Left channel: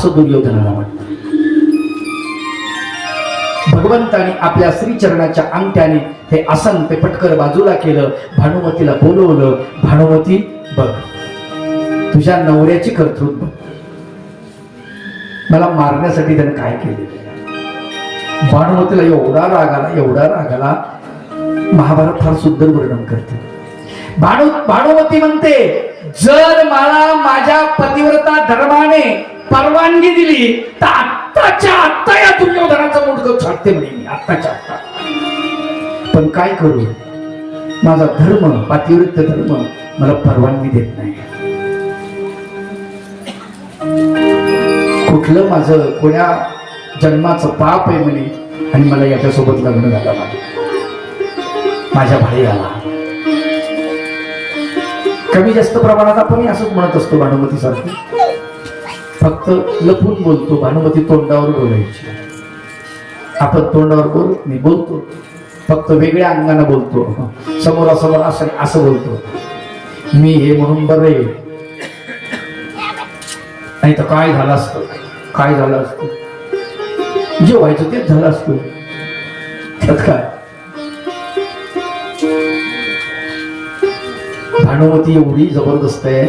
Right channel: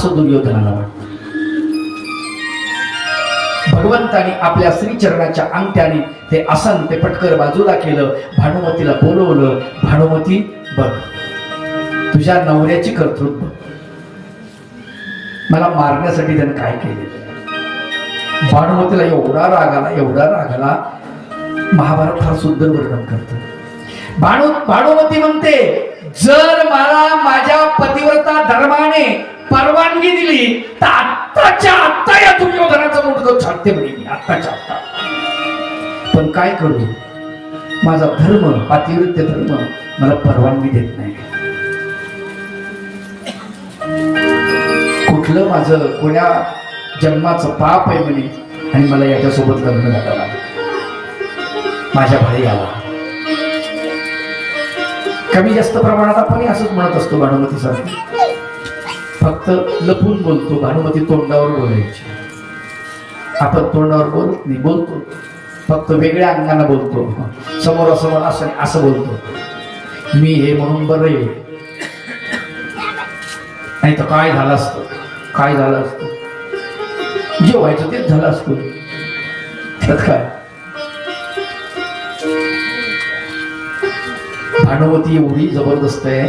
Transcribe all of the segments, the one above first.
असं दुर्योधनाला वाटतं. भगवंताने आपल्या श्रीचरणाच्या अंगठ्याने ते आसन ते पटकर बाजूला केलं. भानुमतीला बोलवलं. भानुमती बघ, तुझ्या नवऱ्याची कर्तृत्व बघ. मला मारण्यासाठी त्याने काय केले. भानुमतीला एवढा राग आला. महाभारत फार सुंदर वर्णन करतो. भानुमती म्हणते, जर मला माझ्या पतिव्रता धर्माने परवानगी दिली तर आत्ताच्या आत्ता या दुर्योधनाचा मुंडकं छाटते म्हणे मी, आत्ताच्या आत्ता. पण काय करू, माझा धर्म, पातिव्रत्य धर्म मला परवानगी देत नाही. कुठलं माझं कोण्या जन्माचं पाप आहे म्हणे, आणि मला याच्यासोबत लग्न झालं नाही. माझ्या भाई आला. कमी जास्त प्रमाणात आपण असंच म्हणत असतो भानुमती सारखी, फक्त लपून बोलतो. भानुमती तोंडावर बोलायची, आपण तोंडावर बोलतो, फक्त वेगळ्या अंगाने बोलतो. समोरासमोर असं बोलतो, मी हे म्हणून बरे, नाही तर काय झालं असतं, जे व्हायचं तेच झालं असतं. त्यात काय. भानुमती एवढी जबरदस्त आहे,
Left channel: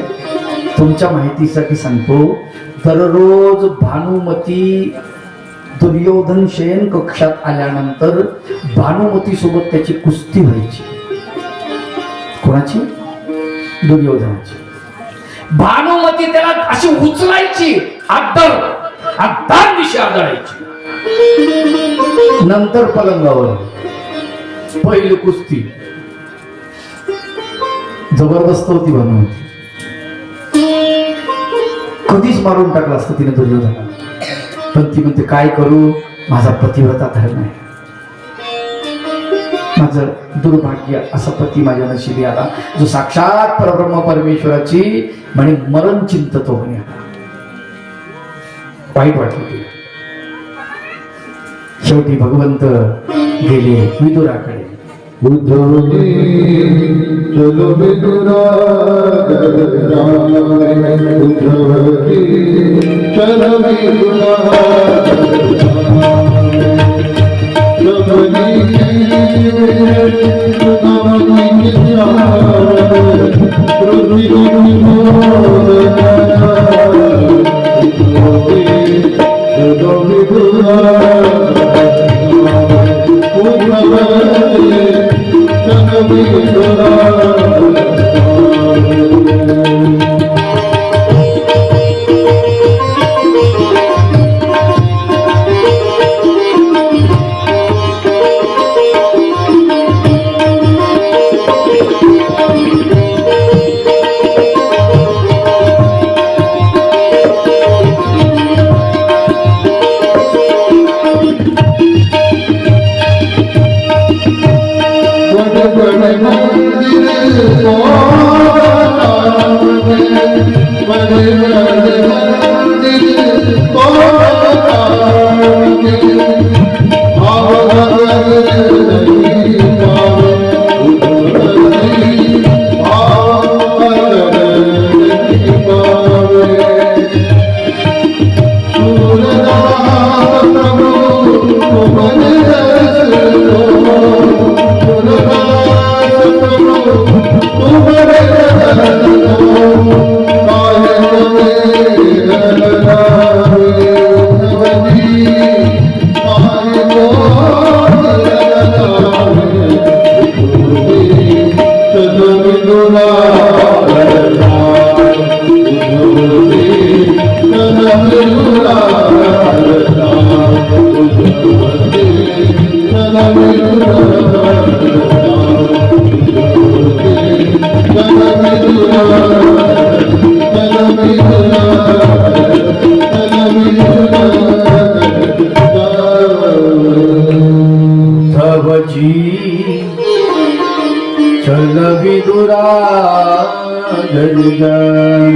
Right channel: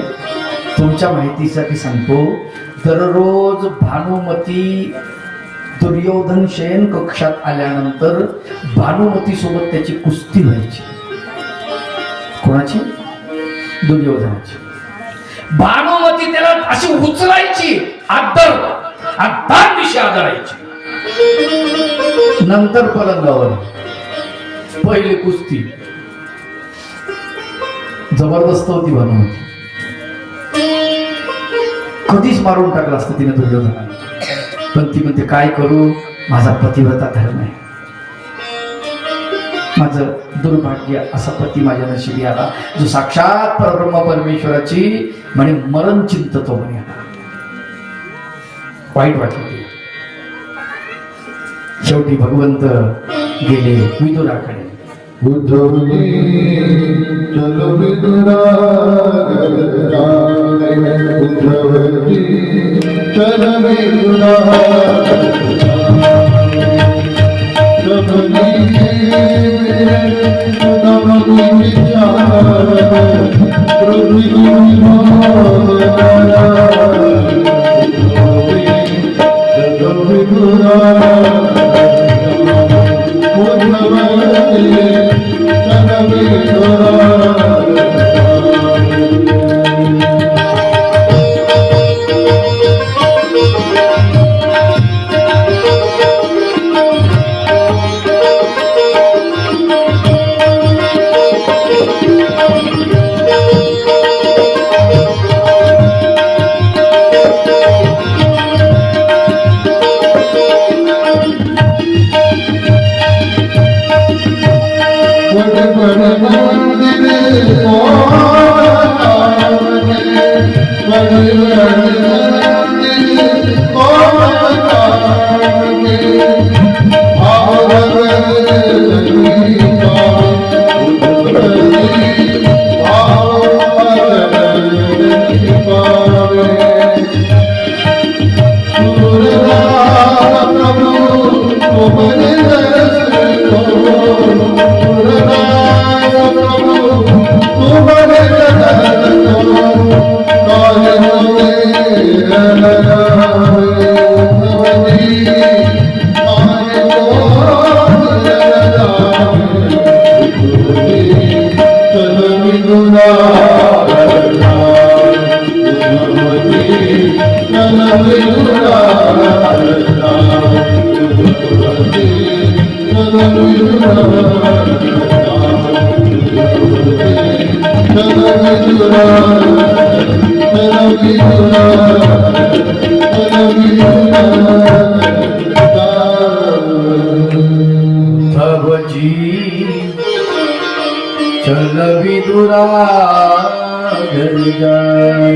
तुमच्या माहितीसाठी सांगतो. दररोज भानुमती दुर्योधन शयन कक्षात आल्यानंतर भानुमती सोबत त्याची कुस्ती व्हायची. कोणाची? दुर्योधनाची. भानुमती त्याला अशी उचलायची, दिशी आदळायची. नंतर पलंगावर पहिली कुस्ती जबरदस्त होती. भानुमती कधीच मारून टाकलं असतं तिने दुर्योधनाला, पण ती म्हणते काय करू, माझा पतिव्रता धर्म आहे. माझं दुर्भाग्य असा पती माझ्या नशिबी आला, जो साक्षात परब्रह्म परमेश्वराची म्हणे मरण चिंततो म्हणे. वाईट वाटलं. शेवटी भगवंत गेले विदुराकडे. चलो विदुरा चलो विदुरा चल विदुरा घरी जाय.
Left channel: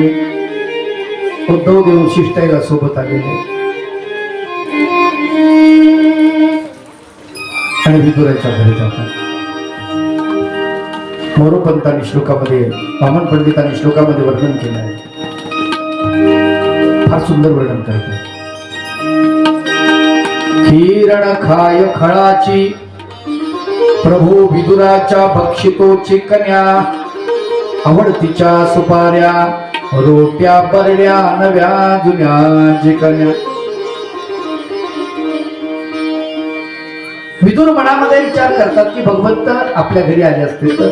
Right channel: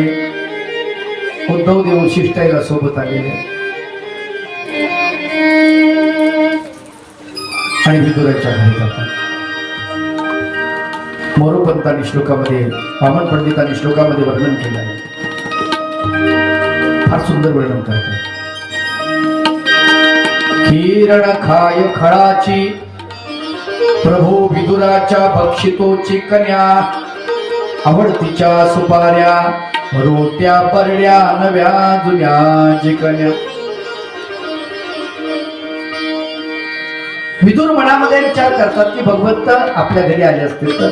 उद्धव देव शिष्टाईला सोबत आलेले आणि विदुराच्या घरी जातात. मोरोपंतांनी श्लोकामध्ये, वामन पंडितांनी श्लोकामध्ये वर्णन केलं आहे. फार सुंदर वर्णन करते. किरण खाय खळाची प्रभू विदुराच्या बक्षितोची कन्या, आवडतीच्या सुपाऱ्या रोट्या परड्या नव्या जुन्या जिकन्या. विदुर मनामध्ये विचार करतात की भगवंत आपल्या घरी आले असतील तर,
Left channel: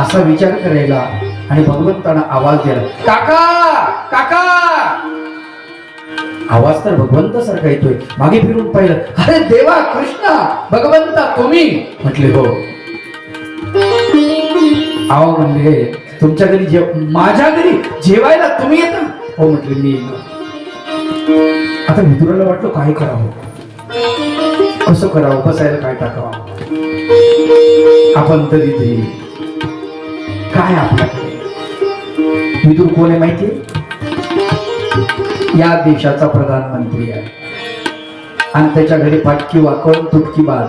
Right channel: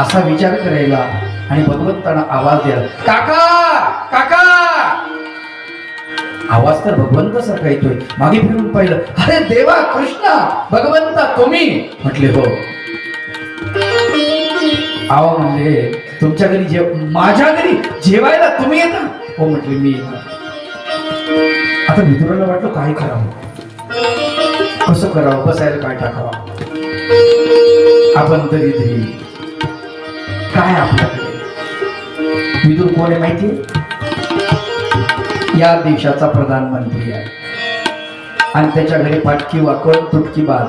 असा विचार करायला आणि भगवंतांना आवाज द्यायला, काका काका. आवाज तर भगवंत सारखा येतोय. मागे फिरून पाहिलं, अरे देवा कृष्णा भगवंता तुम्ही. म्हटले हो. आवा म्हणले तुमच्या घरी माझ्या घरी जेवायला तुम्ही येता. हो म्हटले मी येतो. आता विदुराला वाटलं काय करावं, कसं करावं, बसायला काय टाकावं. आपण तरी काय आपल्याकडे. विदुर कोण आहे माहिती, या देशाचा प्रधानमंत्री आहे आणि त्याच्या घरी फाटकी वाकड तुटकी बाज,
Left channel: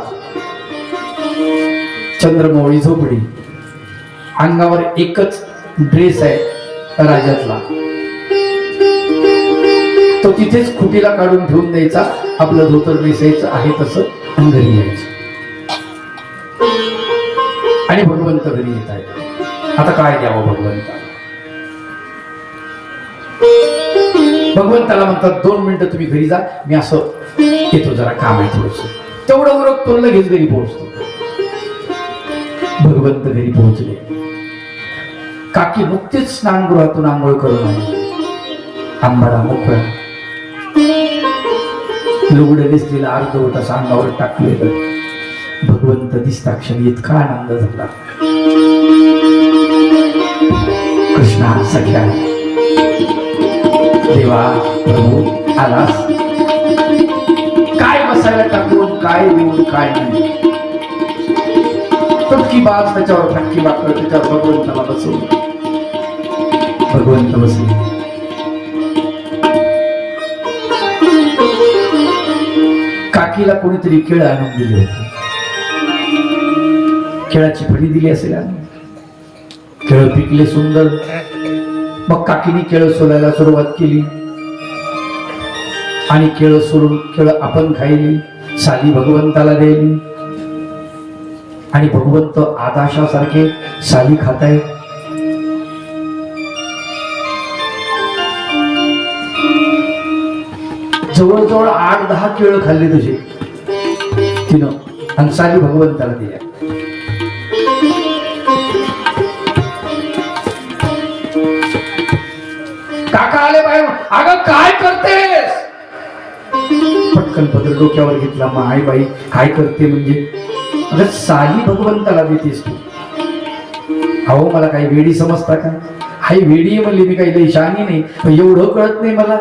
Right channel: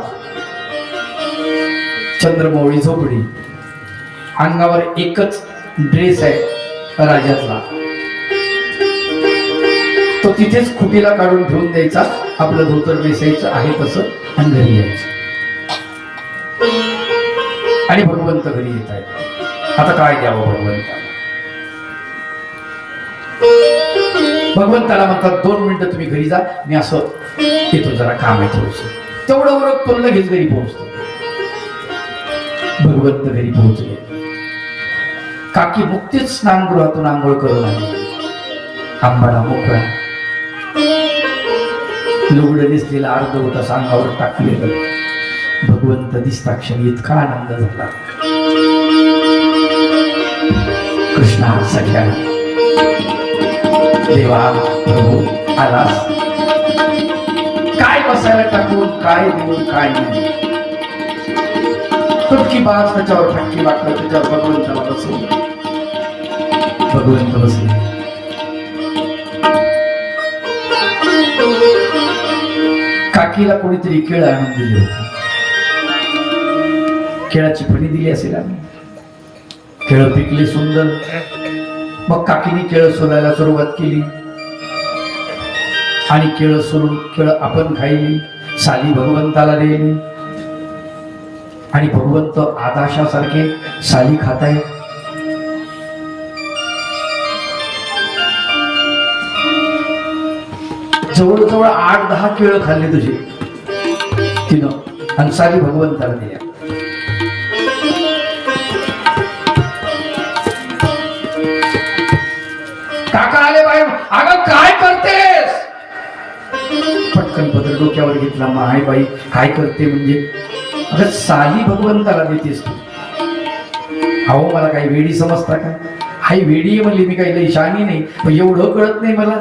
चंद्रमौळी झोपडी, अंगावर एकच ड्रेस आहे राजातला, तो तिथेच खुटीला काढून ठेवून द्यायचा, आपलं धोतर नेसायचं आहे तसं आणि घरी यायचं. आणि भगवंत घरी येत आहे. आता काय द्यावं भगवंता. भगवंताला म्हणतात 2 मिनिटं तुम्ही घरी जा, मी असं येतो, जरा काम आहे थोडंसं. तेवढं उरक तो लगेच घरी पोहोचतो. भगवंत घरी पोहोचले. काकी मुक्तीच स्नानगृहातून आंघोळ करून आली. आंबाडा मोकळा, लुगडं दिसलेला अर्धवट असं अंगावर टाकलेलं. भगवंत दिसता क्षणी इतका आनंद झाला. कृष्णा सख्या देवा प्रभू आलास, काय बसायला टाकून, काय देऊन, काय नाही. तुटकी बाज त्याच्यावर, फाटकी बाकड त्याच्यावर भगवंताला बसवलं. भगवंत बसले. काकीला कोणीतरी केळ आणून दिली होती. केळाची फणी दिली असेल आणि केळ पिकले सुंदर. मग काकीने केळ सोलायला सुरुवात केली आणि केळ सोलून केळ आपण खायली, साली भगवंताला दिली. आणि भगवंत आदाशासारखे साली खाताय. जवळजवळ 8-10 केळ खाल्ली तुझे तिनं आणि साली भगवंताला दिल्या. काका आले बाहेर. अगं काय करतेस. पटकन पत्र डोक्यावर घेतला. माय बाई काय करते म्हणजे, अगं साली भगवंताला देतेस तू. अहो मला काही वेडी समजता का. हाय वेडी म्हणली, मी काही लई शहाणी नाही, पण एवढं कळत नाही मला.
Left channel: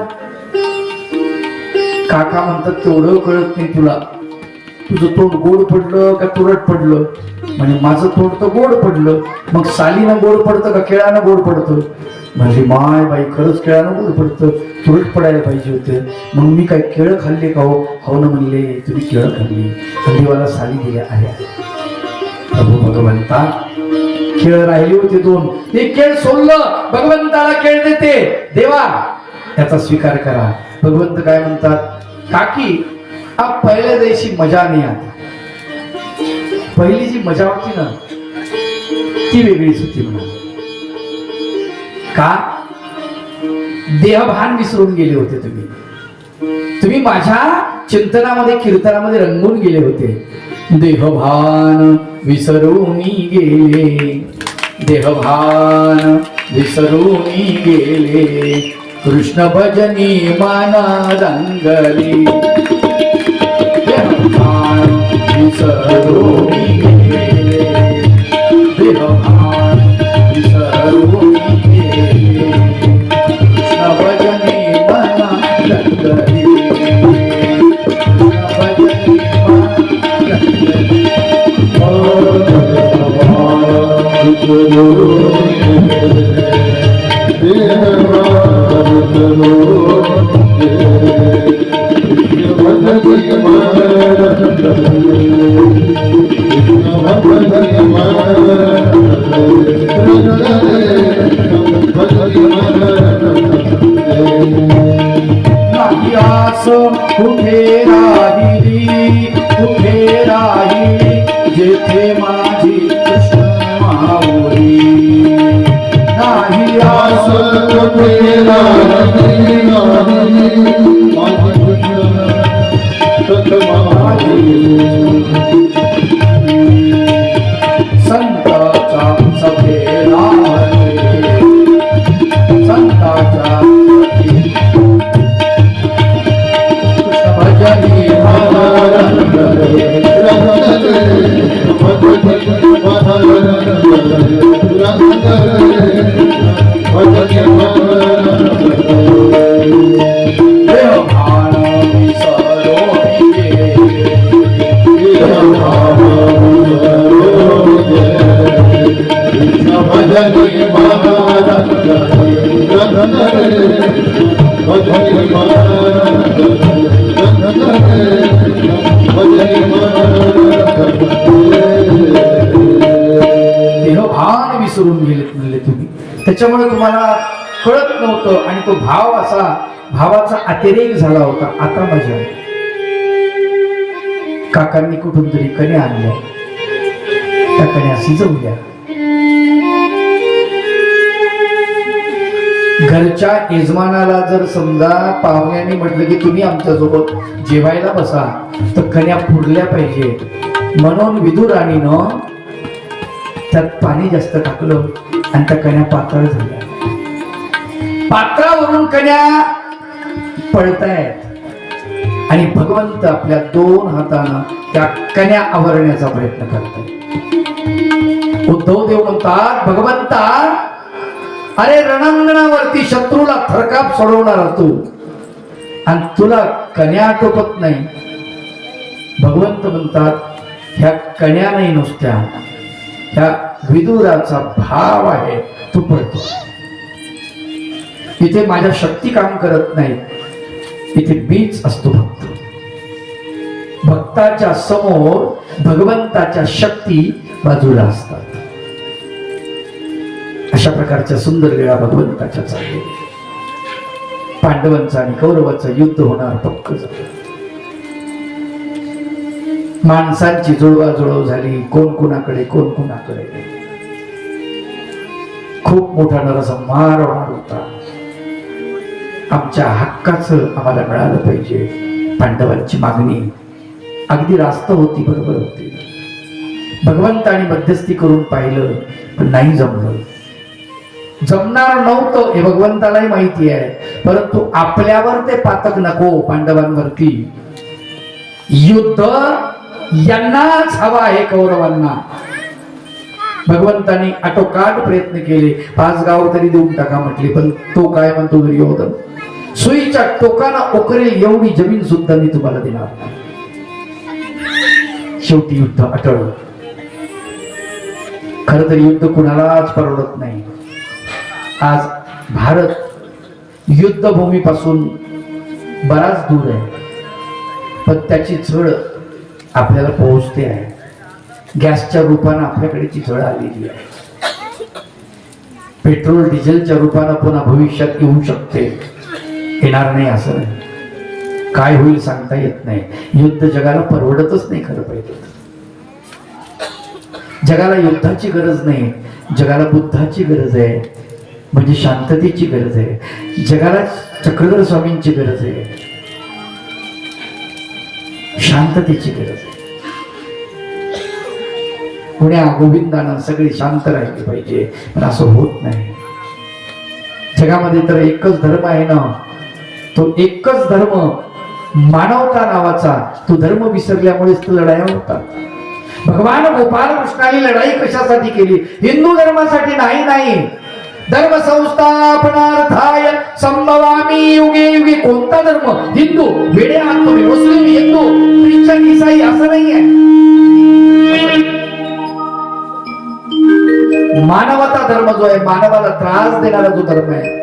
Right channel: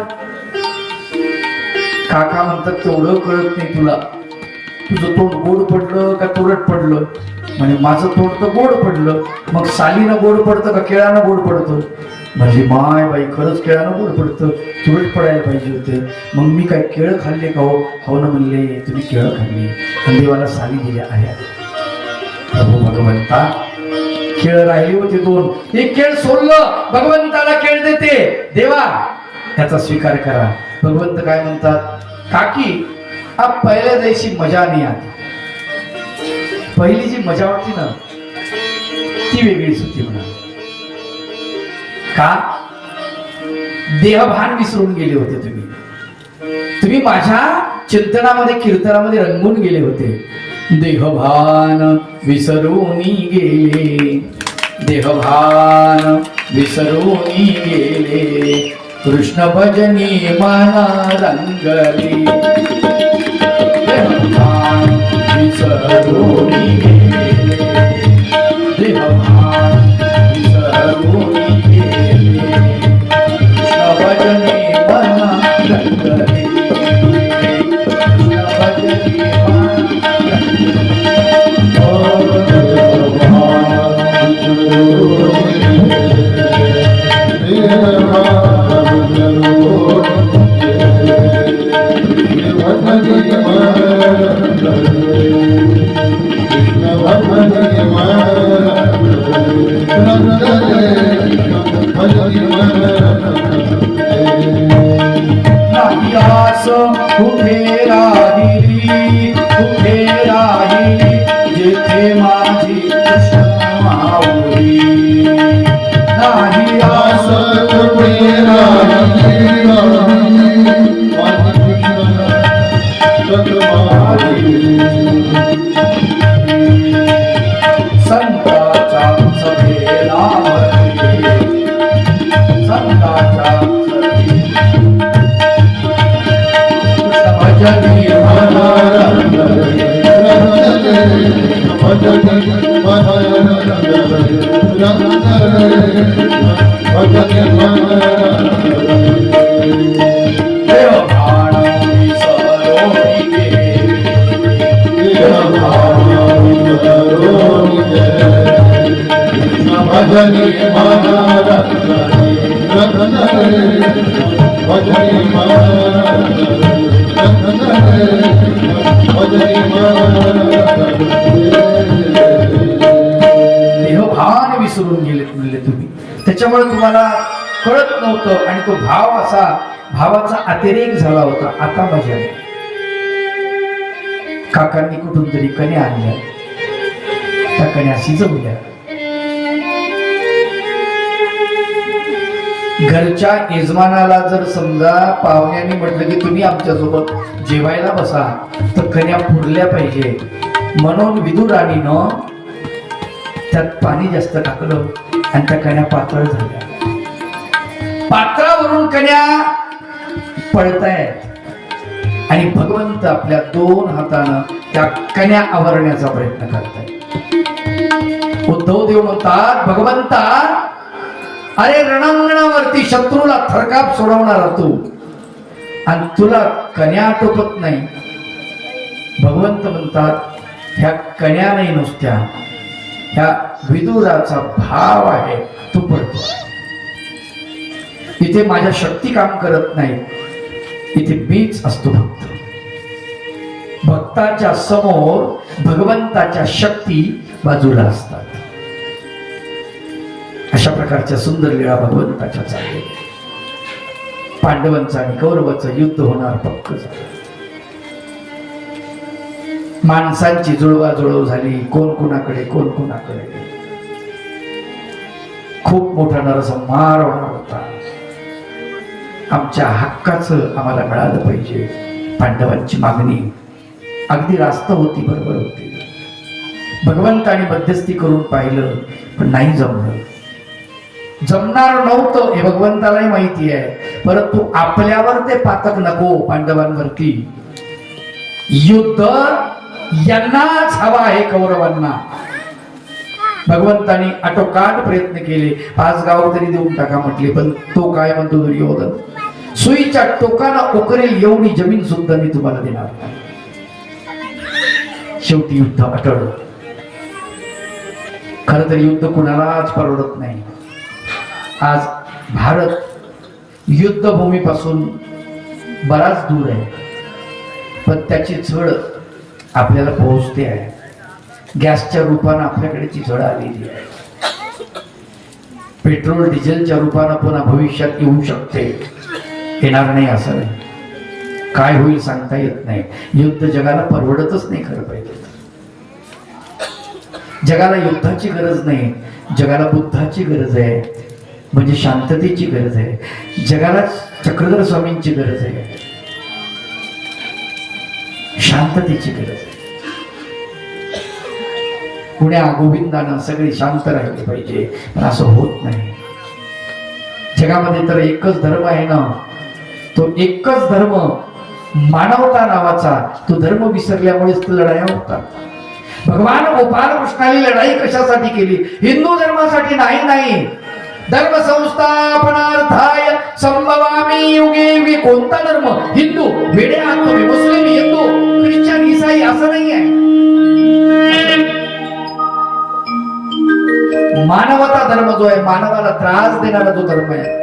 काका म्हणतात तेवढं कळत नाही तुला. तुझं तोंड गोड पडलं का तुरट पडलं. म्हणजे माझं तोंड तर गोड पडलं. मग सालीनं गोड पडतं का केळानं गोड पडतं. म्हणजे माय बाई खरंच केळानं गोड पडतं, तुरट पडायला पाहिजे होते. मग मी काय केळं खाल्ले का. हो ना म्हणले तुम्ही केळं खाल्ली आणि देवाला साली दिल्या आहे. प्रभू भगवंता केळ राहिली होती 2, एक केळ सोडलं. भगवंताला केळ देते. देवा त्याचा स्वीकार करा. भगवंत काय म्हणतात, काकी हा पहिल्या दिवशी मजा नाही आली. पहिली जी मजा होती ना ती वेगळीच होती म्हणा. का देहभान विसरून गेले होते तुम्ही माझ्या चिंतनामध्ये कीर्तनामध्ये रंगून गेले होते. देहभान विसरून गेले, देहभान विसरून गेले, कृष्ण भजनी मन रंगले. देहभान विसरून गेले, देहभान विसरून गेले, कृष्ण भजनी मन रंगले, कृष्ण भजनी मन रंगले. त्याच्यामुळे तुम्हाला कळत नव्हतं आणि तो भाव असा भावाचा अतिरेक झाला होता. आता मजा आली. काकांनी कुठून तरी कण्या आणल्या, त्या कण्या शिजवल्या, घरच्या यजमानाला जर समजा पाहुण्यांनी म्हटलं की तुम्ही आमच्यासोबत जेवायला बसा तर कण्या फुडल्या पाहिजे, म्हणून विदुराणीनं त्यात पाणी जास्त टाकलं आणि त्या कण्या पातळ झाल्या. पात्रावरून कण्या पळतायत आणि भगवंत आपल्या 2 हातानं त्या कण्या आवरण्याचा प्रयत्न करतायत. उद्धव देव म्हणतात, भगवंता अरे रणांगणावरती शत्रूला थरकाप सोडवणारा तू आणि तुला कण्या आटोपत नाही. भगवंत म्हणतात, ह्या कण्या नाही नुसत्या, ह्या विदुराचा भाव आहे तू पळतो. इथे माझ्या शक्ती काम करत नाही, इथे बीज असतो भक्त. भक्ताच्या समोर भगवंताच्या शक्ती बाजूला असतात. अशा प्रकारच्या सुंदर लीळा भगवंताच्या चालल्या. पांडवांचं आणि कौरवाचं युद्ध होणार पक्क झालं. माणसांची जुळवाजुळव झाली, कोण कुणाकडे कोण कुणाकडे. खूप मोठा नरसंहार होणार होता. आमच्या हक्काचं आम्हाला मिळालं पाहिजे. पांडवांची मागणी अगदी रास्त होती, बरोबर होती. भगवंताने मध्यस्थी करून पाहिलं पण नाही जमलं. जमणार नव्हतं हे भगवंतालाही माहिती आहे, परंतु आपल्यावर ते पातक नको. पांडवांवरती युद्ध यांनाच हवा आहे, कौरवांना. भगवंताने आटोकाट प्रयत्न केले, 5 गाव तरी देऊन टाका म्हटले, पण तो काय म्हणतो दुर्योधन, सुईच्या टोकाला ओकरेल एवढी जमीन सुद्धा मी तुम्हाला देणार. शेवटी युद्ध अटळलं. खर तर युद्ध कुणालाच परवडत नाही. आज भारत युद्धभूमीपासून बराच दूर आहे, पण त्याची झळ आपल्याला पोहोचते आहे. गॅसच्या रूपानं आपल्याकडे ती झळ आलेली आहे. पेट्रोल डिझेलच्या रूपानं पुन्हा भविष्यात येऊ शकते, येणार नाही असं नाही. काय होईल सांगता येत नाही. युद्ध जगाला परवडतच नाही खरं पाहिजे. जगाला युद्धाची गरज नाही, जगाला बुद्धाची गरज आहे, म्हणजे शांततेची गरज आहे. जगाला चक्रधर स्वामींची गरज आहे, शांततेची गरज आहे. पुण्या गोविंदानं सगळे शांत राहिले पाहिजे, पण असं होत नाही. जगामध्ये तर एकच धर्म आहे ना, तो एकच धर्म मानवता नावाचा. तो धर्म विसरल्यामुळेच लढाया होतात. भगवान गोपाल कृष्णाने लढाई कशासाठी केली? हिंदू धर्मासाठी नाही. धर्म संस्थापनार्थाय संभवामी युगे युगे. कोणता धर्म? हिंदू. वेडे आहात तुम्ही. मुस्लिम, हिंदू, ख्रिश्चन, ईसाई असं नाहीये. मानवता धर्म जो आहे, मानवाला त्रास देणारा जो धर्म आहे,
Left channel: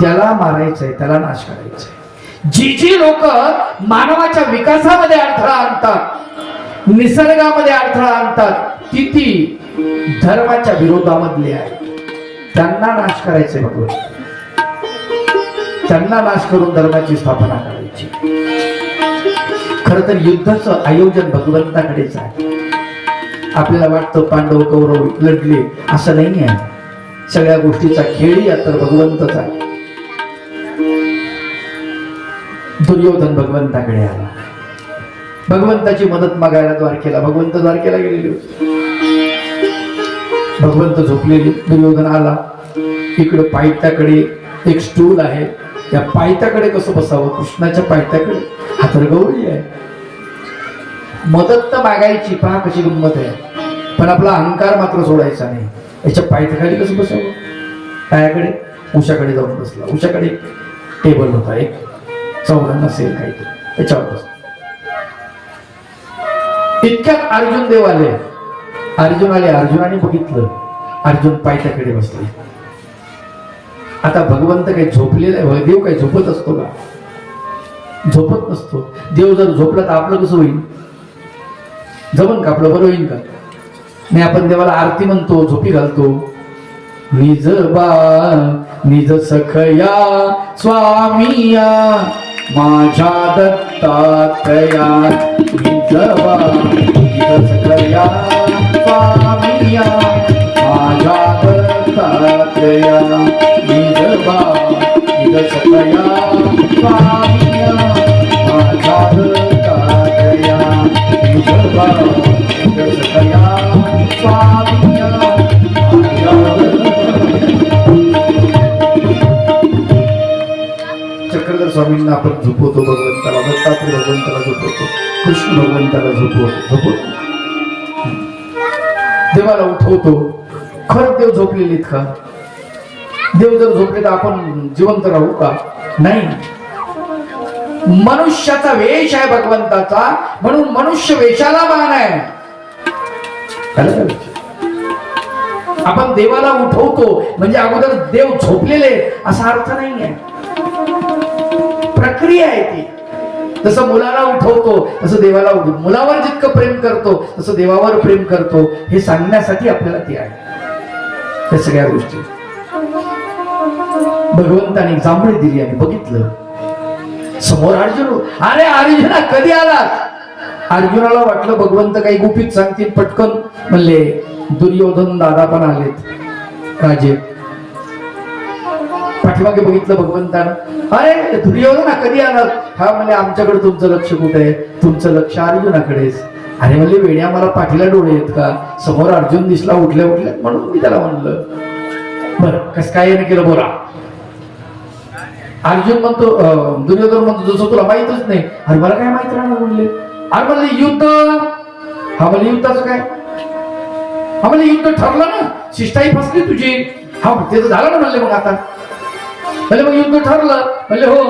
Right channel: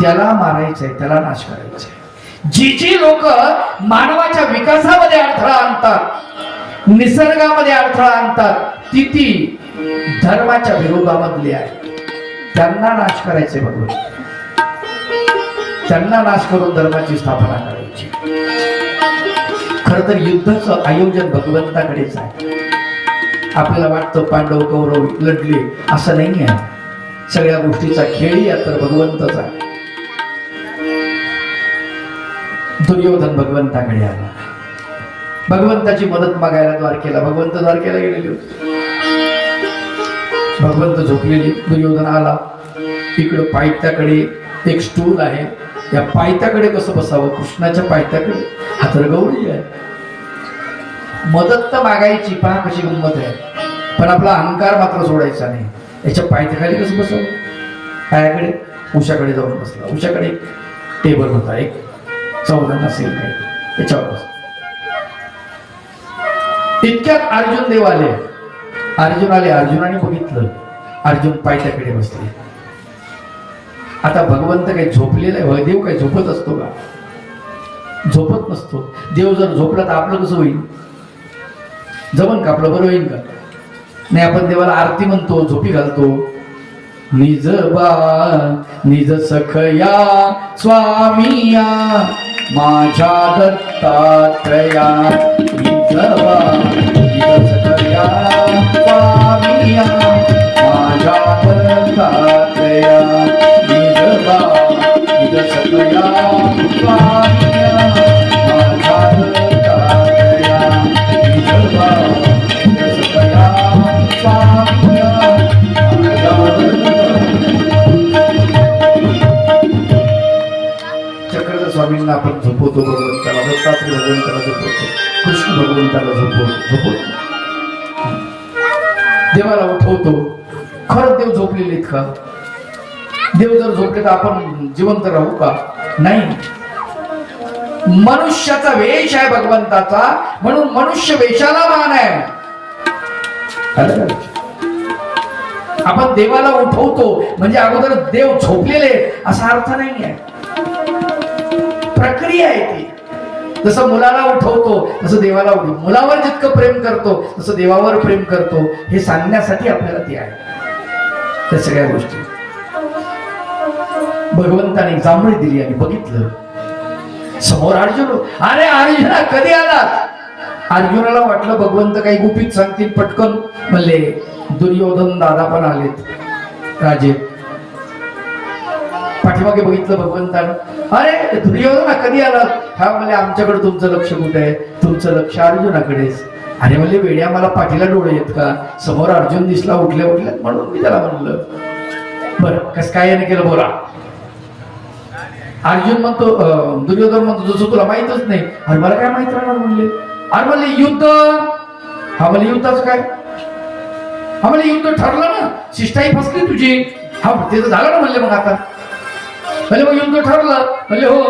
त्याला मारायचंय, त्याला नाश करायचंय. जी लोक मानवाच्या विकासामध्ये अडथळा आणतात, निसर्गामध्ये अडथळा आणतात, ती धर्माच्या विरोधामधली आहे. त्यांना नाश करायचे भगवंत. त्यांना नाश करून धर्माची स्थापना करायची. खर तर युद्धाचं आयोजन भगवंताकडेच आहे. आपल्याला वाटतं पांडव कौरव लढले, असं नाही आहे. सगळ्या गोष्टीचा खेळी तर भगवंतच आहे. दुर्योधन भगवंताकडे आला, भगवंताची मदत मागायला द्वारकेला. भगवंत द्वारकेला गेलेले होते. भगवंत झोपलेले. दुर्योधन आला. इकडं पायथ्याकडे एक स्टूल आहे, त्या पायथ्याकडे कसं बसावं? कृष्णाच्या पायथ्याकडे. हातरगवळी आहे. मदत तर मागायची, पहा कशी गंमत आहे, पण आपला अहंकार मात्र सोडायचा नाही. याच्या पायथ्याखाली कसं बसावं? पायाकडे. उषाकडे जाऊन बसला. उषाकडे टेबल होता, एक चौघांना सेल काही, त्याच्यावर बसला. इतक्यात अर्जुन देव आले. अर्जुनाने बघितलं, अर्जुन पायथ्याकडे बसले. आता भगवंत काही झोपलेला आहे? देव काही झोपत असतो का? झोपत नसतो. देव जर झोपला तर आपलं कसं होईल? जमन का? आपलं बरं होईल का? नाही. आपण देवाला आरती म्हणतो, झोपी घालतो, निज बा निज सखया स्वामिया माझ्या दत्तात्रया निज बा निज सखया स्वामिया माझ्या दत्तात्रया निज बा निज सखया स्वामिया माझ्या दत्तात्रया निज बा निज सखया स्वामिया चक्रधर स्वामींना आपण झोपवतो भगवंताला, दत्तात्रय भगवंताला झोपवतो, कृष्ण भगवंताला झोपवतो, देवाला उठवतो. खरंच देव झोपलेले आहेत का? देव जर झोपले तर आपण जिवंत राहू का? नाही. मनुष्याचा वेश आहे भगवंताचा, म्हणून मनुष्य वेशाला मान आहे. आपण देवाला उठवतो म्हणजे अगोदर देव झोपलेले असा अर्थ नाही आहे. प्रक्रिया आहे ती. जसं मुलाला उठवतो तसं देवाला उठवतो. मुलावर जितकं प्रेम करतो तसं देवावर प्रेम करतो, हे सांगण्यासाठी आपल्याला ती आहे. त्या सगळ्या गोष्टी भगवंताने जांभळी दिली आणि बघितलं समोर अर्जुन. अरे अर्जुना कधी आला? अर्जुनाला वाटलं भगवंत काही गुपित सांगतील, पटकन म्हणले दुर्योधन दादा पण आलेत राजे. पाठीमागे बघितलं भगवंतानं, अरे दुर्योधना कधी आला? हा म्हणले आमच्याकडे तुमचं लक्ष कुठे आहे? तुमचं लक्ष अर्जुनाकडेच. अरे म्हणले वेड्या, मला पाठीला डोळे आहेत का? समोर अर्जुन दिसला उठल्या उठल्या म्हणून मी त्याला म्हणलं. बरं कस काय याने केलं बोला. अर्जुन म्हणतो, दुर्योधन म्हणतो जसं तुला माहितच नाही. अरे मला काय माहित राहणार म्हणले. अरे म्हणले युद्ध. हा म्हणले युद्धाचं काय? हा म्हणले युद्ध ठरलं ना, शिष्टाई फसली तुझी. हा ते तर झालं ना म्हणले. मग आता म्हणजे मग युद्ध ठरलं म्हणजे हो,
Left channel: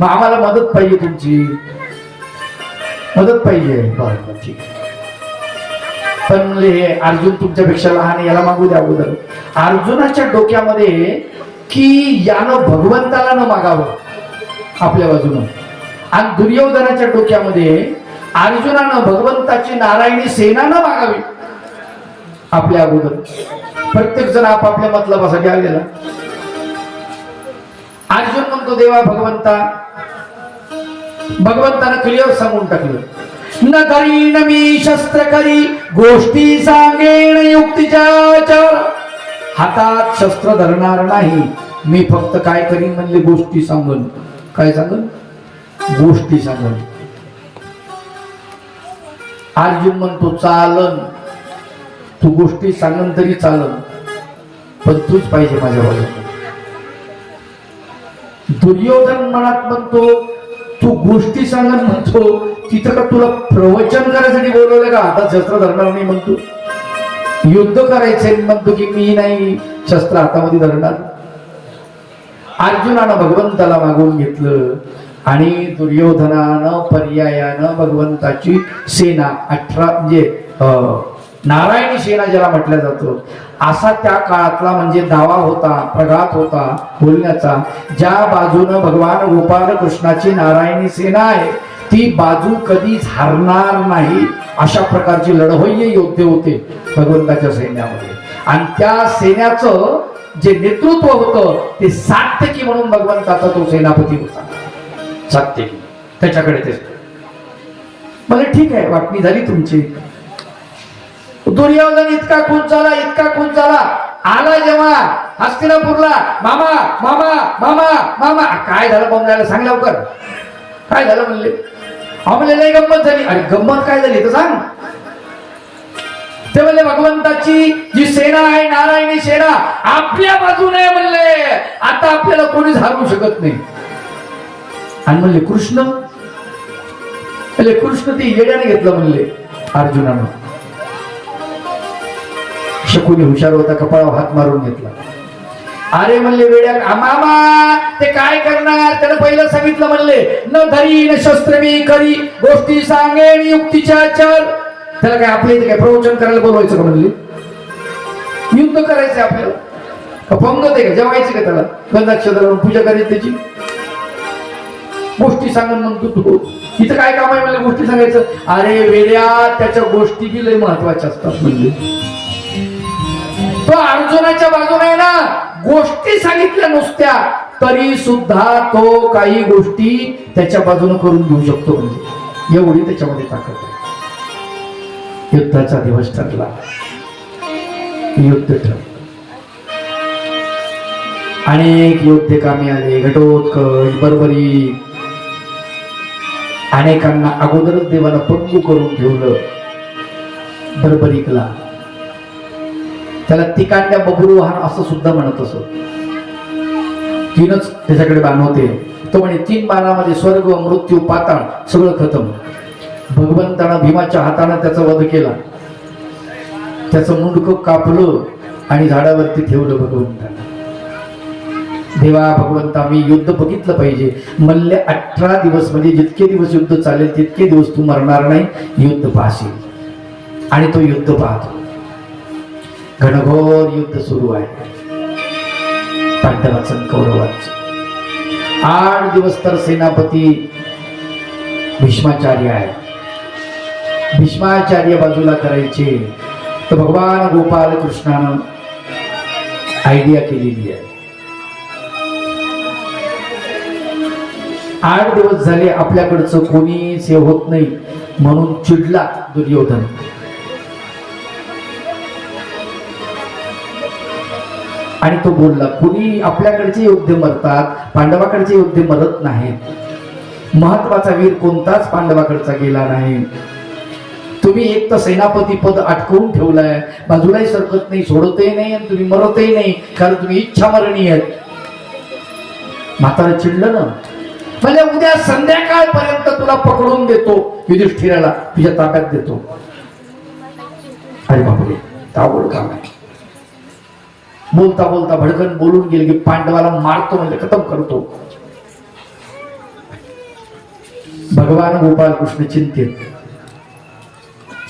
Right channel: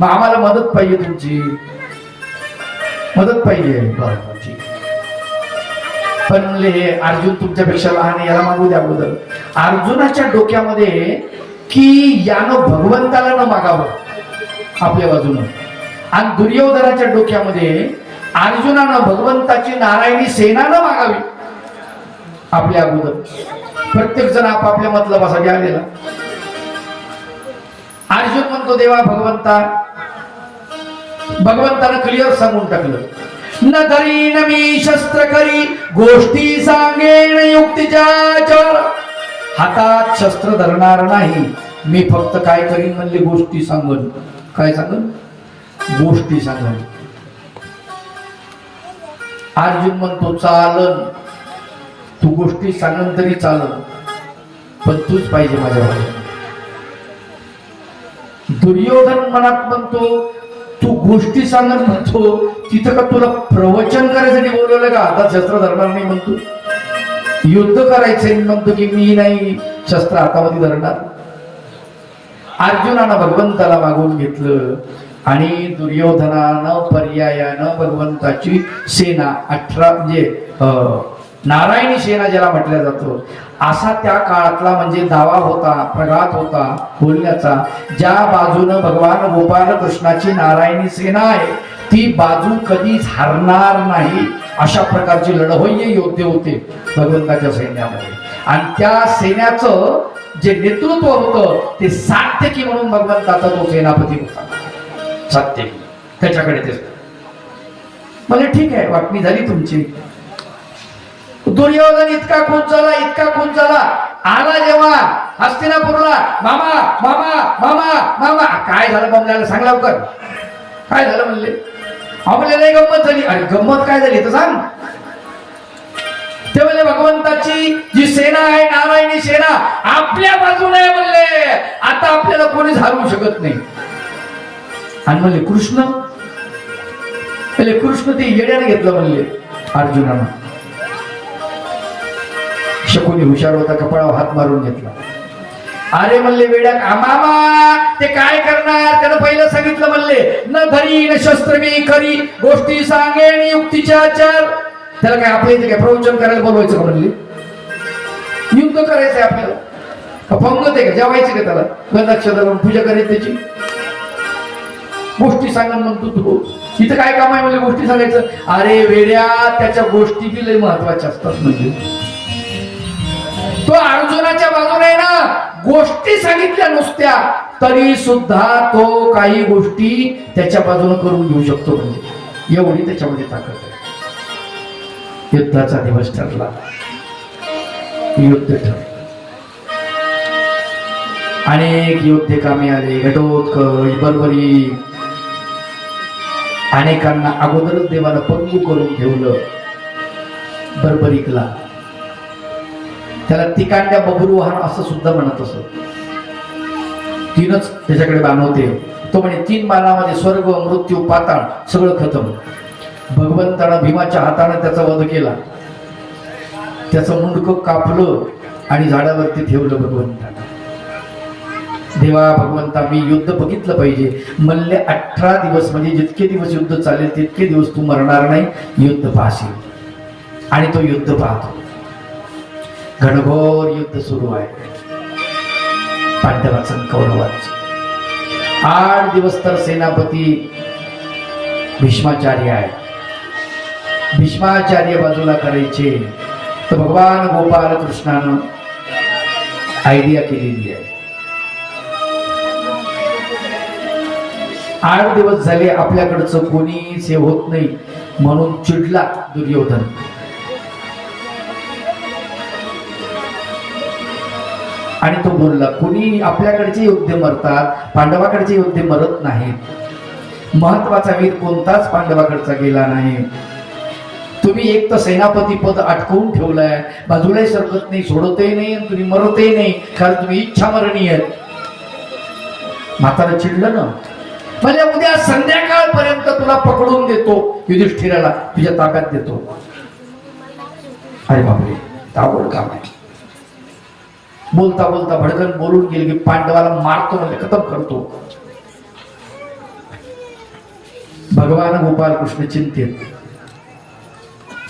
मग आम्हाला मदत पाहिजे, तुमची मदत पाहिजे. बरोबर ठीक. पण म्हणले हे अर्जुन तुमच्यापेक्षा लहान आहे, याला मागू द्या अगोदर. अर्जुनाच्या डोक्यामध्ये की यानं भगवंताला न मागावं आपल्या बाजूनं, आणि दुर्योधनाच्या डोक्यामध्ये अर्जुनानं भगवंताची नारायणी सेना न मागावी आपल्या अगोदर. प्रत्येक जण आपापल्या मतलबासाठी आलेला. अर्जुन म्हणतो देवा भगवंतानं क्लिअर सांगून टाकलं, न धरीन मी शस्त्र करी गोष्टी सांगेन युक्तीच्या. हातात शस्त्र धरणार नाही मी, फक्त काय करीन म्हणले गोष्टी सांगन. काय सांगन? गोष्टी सांगन. अर्जुन म्हणतो चालन, तू गोष्टी सांगन तरी चालन, पण तूच पाहिजे माझ्या बाजूला. दुर्योधन मनात म्हणतो तू गोष्टी सांगत म्हणतो, तिथं का तुला प्रवचन करायसाठी बोलवलं का? हातात शस्त्र धरणार नाही म्हणतो, युद्ध करायचे म्हणतो की मी नाही शस्त्र हातामध्ये धरणार. अर्जुनानं भगवंताला मागून घेतलं आणि दुर्योधनानं पर्यायानं भगवंताची सेना 18 म्हणजे नारायणी सेना ज्याला म्हटलं जातं, असा त्या काळातला म्हणजे दावा होता, प्रघात होता बोलण्याचा. ज्या बाजूनं भगवान गोपाल कृष्णाची नारायणी सेना आहे ती बाजू कधीच हरणार नाही, अशा प्रकारचे लढवय्ये योद्धे होते भगवंताच्या सैन्यामध्ये. आणि त्या सैन्याचं जे नेतृत्व होतं ते सात्यकी म्हणून भगवंताचा तो सेनापती होता. सात्यकी त्याच्याकडे ते म्हणजे ठीक आहे, वाटणी झाली तुमची. दुर्योधन इतका खून झाला, इतका खून झाला. आला जेव्हा हस्तिनापूरला, मामा मामा मामा मामा. काय झालं बमल्याला? सांग लवकर, काय झालं म्हणले. म्हणले नाही गंमत झाली. अरे गंमत काय झाली तर सांग. ते म्हणले भगवंताची जी सेना आहे नारायणी सेना आपल्या बाजूने म्हणले, आता आपल्याला कोणीच हरवू शकत नाही. आणि म्हणले कृष्ण, म्हणले कृष्ण ते येड्याने घेतलं म्हणले अर्जुनानं. शकुनी हुशार होता, कपाळावर हात मारून घेतला. अरे म्हणले वेड्या मामा ते काय करणार? त्याला पहिलं सांगितलं म्हणले न धरी न शस्त्र मी करी गोष्टी सांगेन युक्तीच्या आचार. त्याला काय आपल्या इथे काय प्रवचन करायला बोलवायचं का म्हणले? युद्ध करायचंय आपल्याला का पंगत आहे का? जेवायचं का त्याला? गंधाक्षर पूजा करायची त्याची? गोष्टी सांगून म्हणतो तू इथं काय काम आहे म्हणले गोष्टी सांगायचं? अरे वेड्या त्याच्या गोष्टी बी लय महत्वाच्या असतात. म्हणजे तो तो अर्जुनाच्या बाजूने आहे ना, गोष्टी सांगितल्या नुसत्या तरी सुद्धा तो काही गोष्टी त्याच्या बाजूने करून घेऊ शकतो. म्हणजे एवढी त्याच्यामध्ये ताकद आहे. युद्धाचा दिवस ठरला, युद्ध ठरलं. अनेक योद्धे कामी आले, घटोत्कच, बरोबरी. अनेकांना अगोदरच देवाला पंगू करून ठेवलं. बरोबरीकला त्याला तिकांड्या बबरुवाहन असं सुद्धा म्हणत असत. तीनच त्याच्याकडे बाण होते. तो म्हणे 3 बाणामध्ये स्वर्ग, मृत्यू, पाताळ सगळं खतम. भगवंतानं भीमाच्या हाताने त्याचा वध केला. त्याचं मुंडकं कापलं आणि झाडावरती ठेवलं भगवंतानं. देवा भगवंता मी युद्ध बघितलं पाहिजे. मल्ले 18 दिवस म्हणजे जितके दिवस युद्ध चालेल तितके दिवस तू मरणार नाही, युद्ध पाहशील. आणि तो युद्ध पाहतो. घनघोर युद्ध सुरू आहे पांडवाचं कौरवाचं. 8 दिवस तर सेनापती भीष्माचार्य आहे. भीष्माचार्य बाजूला करायचे तर भगवान गोपाल कृष्णानं आयडिया केलेली आहे. 8 दिवस झाले आपल्याकडचं कोणीच हे होत नाही म्हणून चिडला दुर्योधन. आणि तो बोलला, कुणी आपल्याकडचे योद्धे मरतात, पांडवाकडचे योद्धे मरत नाहीत. महत्वाचा वीर कोणताच पांडवाकडचा गेला नाही. तुम्ही एक तर सेनापती पद अटकवून ठेवलाय, बाजूलाही सरकत नाही, सोडतही नाही आणि तुम्ही मरतही नाही, कारण तुम्ही इच्छा मरणी आहेत. म्हातारं चिडलं ना, म्हणजे उद्या संध्याकाळपर्यंत तुला पकडून देतो, युधिष्ठिराला तुझ्या ताब्यात देतो. अरे बापरे, अवघड काम आहे. बोलता बोलता भडकन बोलून गेले की पांडवाला मारतो म्हणजे खतम करतो. भगवान गोपाल कृष्ण चिंतित.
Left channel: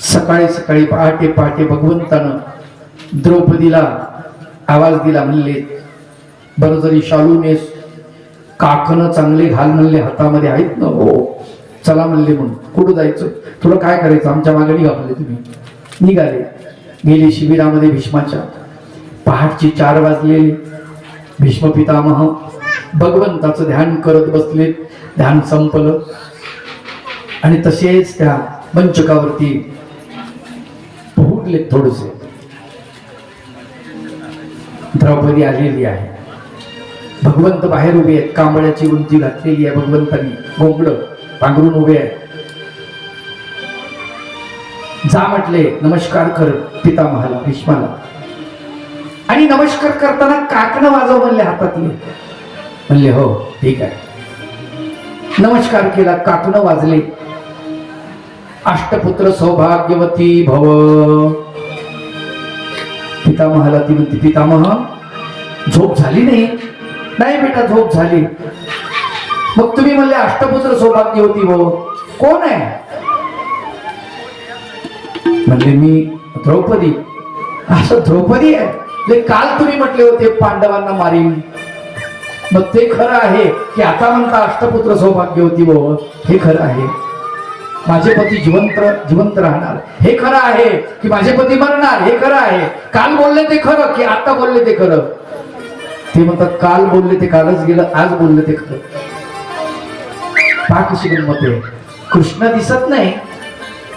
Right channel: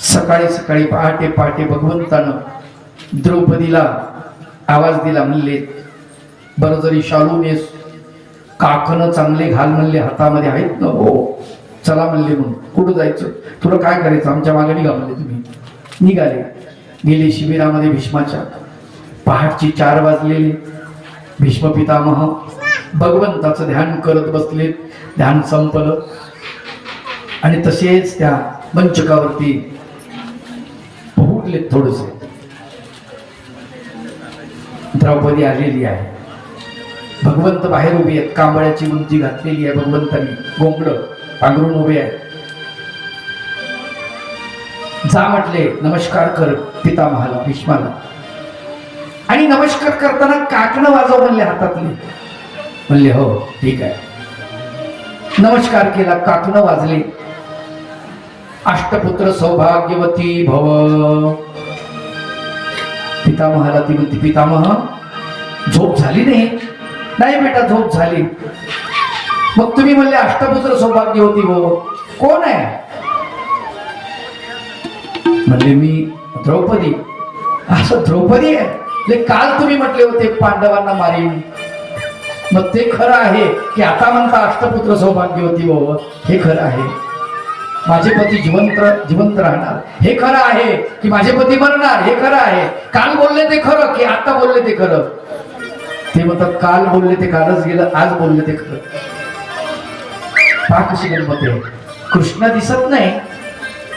सकाळी सकाळी पहाटे पहाटे भगवंतानं द्रौपदीला आवाज दिला. म्हणले बरं जरी शालू नेस, काकणं चांगले घाल म्हणले, हातामध्ये आहेत ना. हो चला म्हणले. म्हणून कुठं जायचं, तुला काय करायचं, आमच्या मागे निघा म्हणले. तुम्ही निघाले. गेले शिबिरामध्ये भीष्माच्या. पहाटची 4 वाजले. भीष्म पितामह भगवंताचं ध्यान करत बसले. ध्यान संपलं आणि तसेच त्या मंचकावरती पोहडले. थोडसे द्रौपदी आलेली आहे. भगवंत बाहेर उभे आहेत. कांबळ्याची उंची घातलेली आहे भगवंतांनी, गोंगड पांघरून उभे आहे. जा म्हटले, नमस्कार कर पितामहाला, भीष्माला. आणि नमस्कार करताना काकणं वाजव म्हणले हातातले. म्हणले हो ठीक आहे. नमस्कार केला, काकणं वाजले. अष्टपुत्र सौभाग्यवती भव. पितामहाला ती म्हणते, पितामह झोप झाली नाही. नाही बेटा झोप झाली. मग तुम्ही म्हणले अष्टपुत्र सौभाग्यवती भव, कोण आहे? म्हणले मी द्रौपदी. असं द्रौपदी आहे? काल तुम्ही म्हटले होते पांडवांना मारीन. मग ते खरं आहे की आता म्हणता अष्टपुत्र सौभाग्यवती भव? हे खरं आहे. माझे पती जिवंत राहणार हे खरं आहे की माझे पती मरणार हे खरं आहे? काल बोलले ते खरं की आता बोलले ते खरं? ते म्हणतात काल बोलले ते कालच गेलं, आज बोलले ते खरं. पहा कशी गंमत आहे. कृष्ण दिसत नाही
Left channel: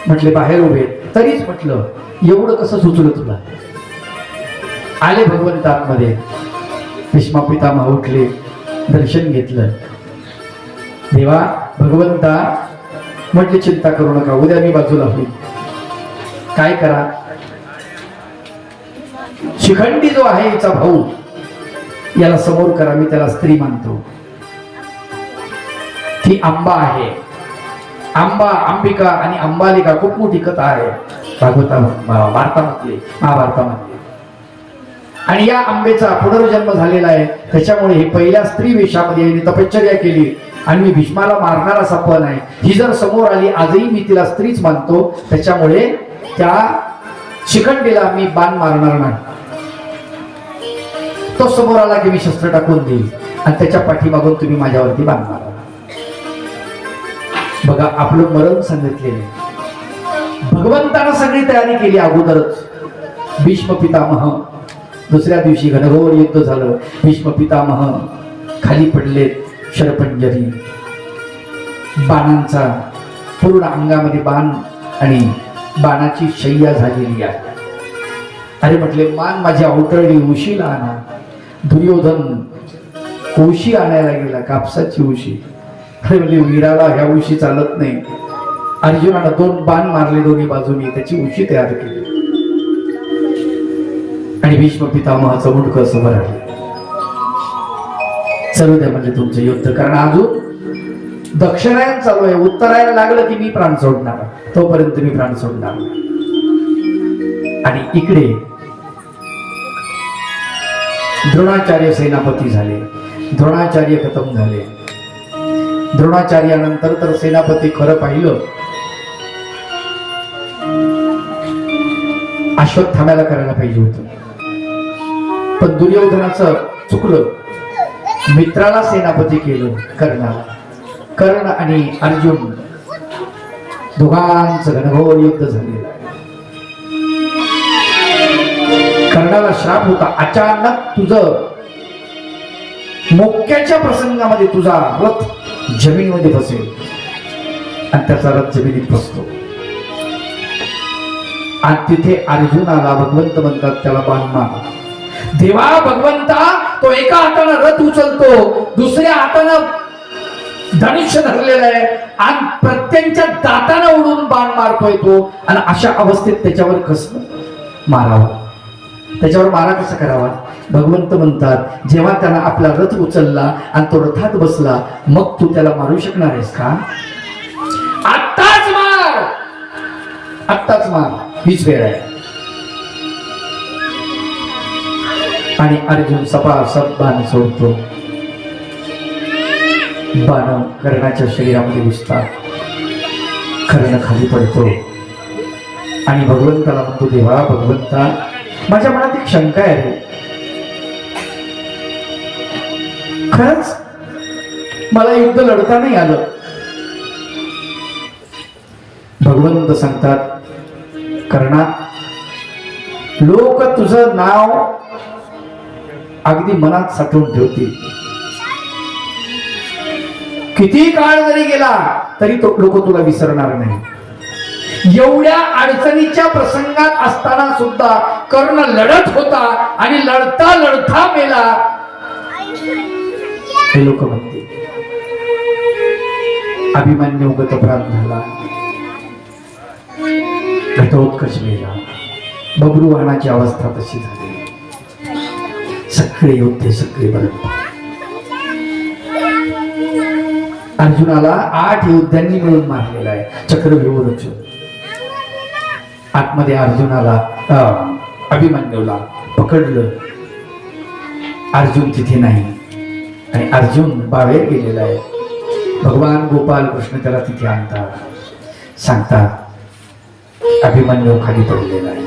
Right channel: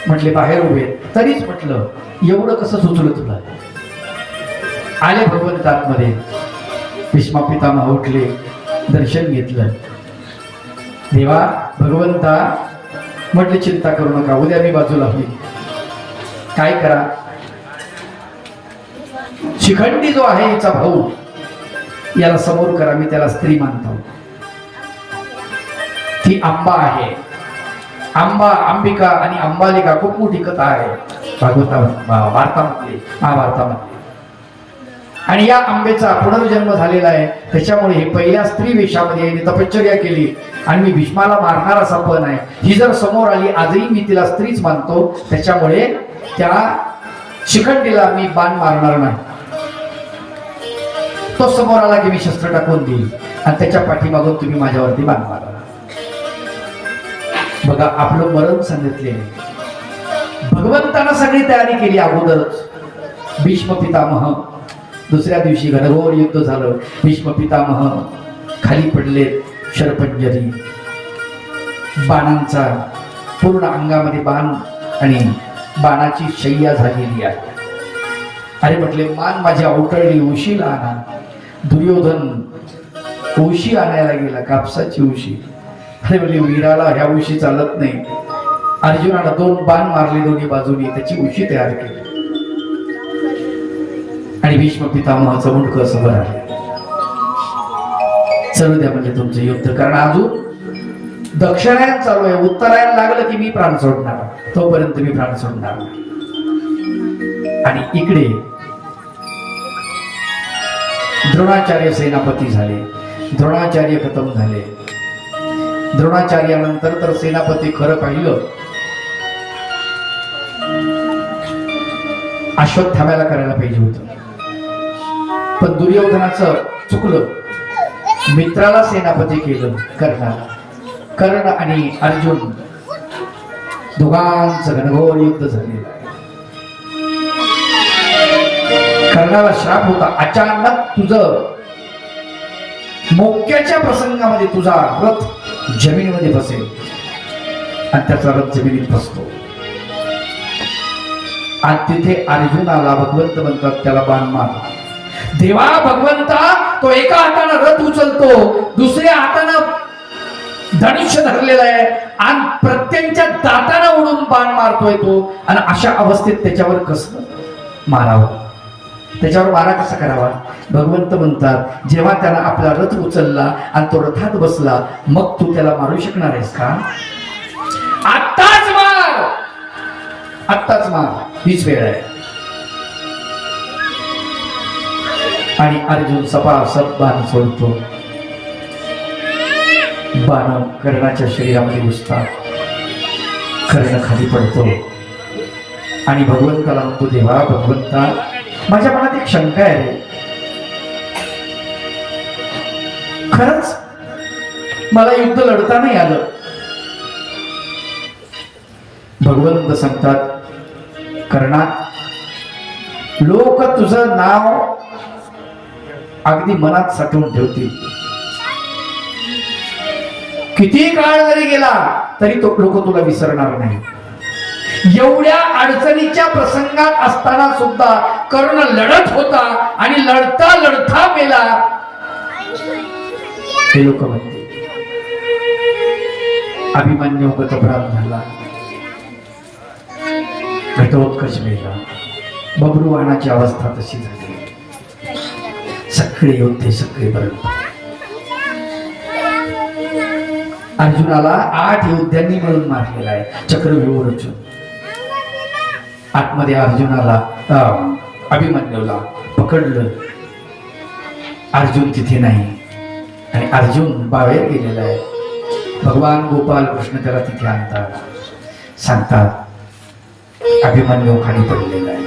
म्हटले, बाहेर उभे. तरीच म्हटलं एवढं कसं सुचलं तुला? आले भगवंत आतमध्ये. भीष्मा पितामह उठले, दर्शन घेतलं. देवा भगवंता म्हटले चिंता करू नका, उद्या मी बाजूला होईल. काय करा, शिखंडी जो आहे हिचा भाऊ, याला समोर करा. मी त्याला स्त्री मानतो. ती आंबा आहे. आंबा, अंबिका आणि अंबालिका खूप मोठी कथा आहे भारतामध्ये, महाभारतामध्ये. आणि या आंबेचा पुनर्जन्म झालेला आहे. त्याच्यामुळे ही पहिल्या स्त्री वेशामध्ये तपश्चर्या केली आणि मी भीष्माला मारणार असा पण आहे. ही जर समोर आली, आजही मी तिला स्त्रीच मानतो, त्याच्यामुळे त्या शिखंडीला मी बाण मारणार नाही. तो समोर आला की मी शस्त्र टाकून देईल आणि त्याच्या पाठीमागून तुम्ही माझ्यावरती बाण मारा. बघा आपलं मरण सांगितलेलं. भगवंतानं सगळी तयारी केली अगोदरच. भीष्म पितामह दुसऱ्या दिवशी घनघोर युद्ध झालं. भीष्म पितामह खाली पडलेत शरपंजरी. बाणांचा पूर्ण अंगामध्ये बाण आणि बाणाची शय्या झालेली आहे. अरे म्हटले मान माझी अवटळली, उशीला आणा. दुर्योधन उशी आणायला गेला, कापसाची उशी. अरे म्हणजे वीराला ह्या उशी चालत नाही. अर्जुनाला 2 बाण मारले दोन्ही बाजूनी, त्याची उशी तयार केली. आणि भीष्म पितामहाचं मुंडकं समोर आले. चलू द्या म्हणजे तुमचे युद्ध, कारण अजून दक्षिणायन चालू आहे. उत्तरायण लागलं की मी प्राण सोडणार, तोपर्यंत मी प्राण सोडणार. आणि इकडे द्रोणाचार्य सेनापती झाले. द्रोणाचार्य खतम झाले. द्रोणाचार्यानंतर तर सेनापती खरं पाहिलं अश्वत्थाम्याला करायला पाहिजे होतं, पण दुर्योधनाचं चुकलं. मित्राला सेनापती केलं कर्णाला. कर्ण आणि अर्जुन दोघांचं घनघोर युद्ध झाले. कर्णाला श्राप होता, अचानक तुझं मोक्याच्या प्रसंगामध्ये तुझा रथ जमिनीमध्ये बसेल. आणि त्याचा रथ जमिनीत बसतो. आणि तिथे अर्जुनाला भगवंत म्हणतात त्याला बाण मार. देवा भगवंता, तो एका हाताने रथ उचलतो, दुसऱ्या हाताने धनुष्य धरलेला आहे आणि प्रत्यंच्या दाताना उडून बाण मारतोय तो. आणि अशा अवस्थेत त्याच्यावर कसं मारावं, त्याच्यावर मारा कसा करावा. भगवंत म्हणतात जेव्हा त्याला आपला रथ उचलला आणि तो रथात बसला, मग तू त्याला मारू शकणार आहेस का? आत्ताच मार, आत्ताच मार, हीच वेळ आहे. आणि अर्जुन सपासप बाण सोडतो. बाण कर्णाच्या शरीरामध्ये घुसतात. कर्ण खाली पडतो आणि भगवंताला म्हणतो देवा भगवंता, माझ्या मनात एक शंका आहे रे. खरंच मला युद्ध लढता नाही आलं. भगवंत सांगतात कर्णा, लोक तुझं नाव अगदी मनात साठवून ठेवतील. किती काळ जरी गेला तरी तो लोक तुला विसरणार नाही. एवढ्या अडचणीच्या प्रसंगात असताना सुद्धा कर्ण लढत होता आणि लढता लढता मेला, हे लोक म्हणते. अभिमन्यू गतप्राण झाला, घटोत्कच मेला, बब्रुवाहनाची अवस्था तशी झाली. सगळे योद्धे सगळे बरं. अर्जुनाला 8 योद्ध्यांनी मिळून मारलेला आहे चक्रव्यूह. आतमध्ये अर्जुनाला अभिमन्यूला पकडलं. अर्जुन तिथे नाही आणि अर्जुन बाहेर गेलेला आहे. भगवान गोपाल कृष्ण त्याला तिथे आणतात. सांगतात अभिमन्यू खाली पडलेला आहे.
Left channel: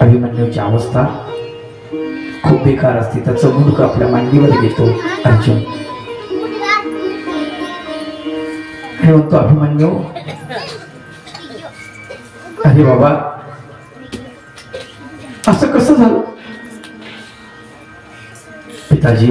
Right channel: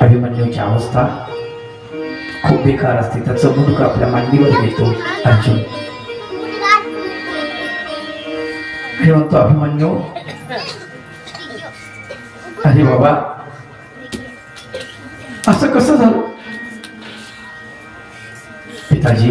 अभिमन्यूची अवस्था खूप बेकार असते. त्याचं मुंडक आपल्या मांडीवर घेतो अर्जुन. हे म्हणतो अभिमन्यू, अरे बाबा असं कसं झालं? पिताजी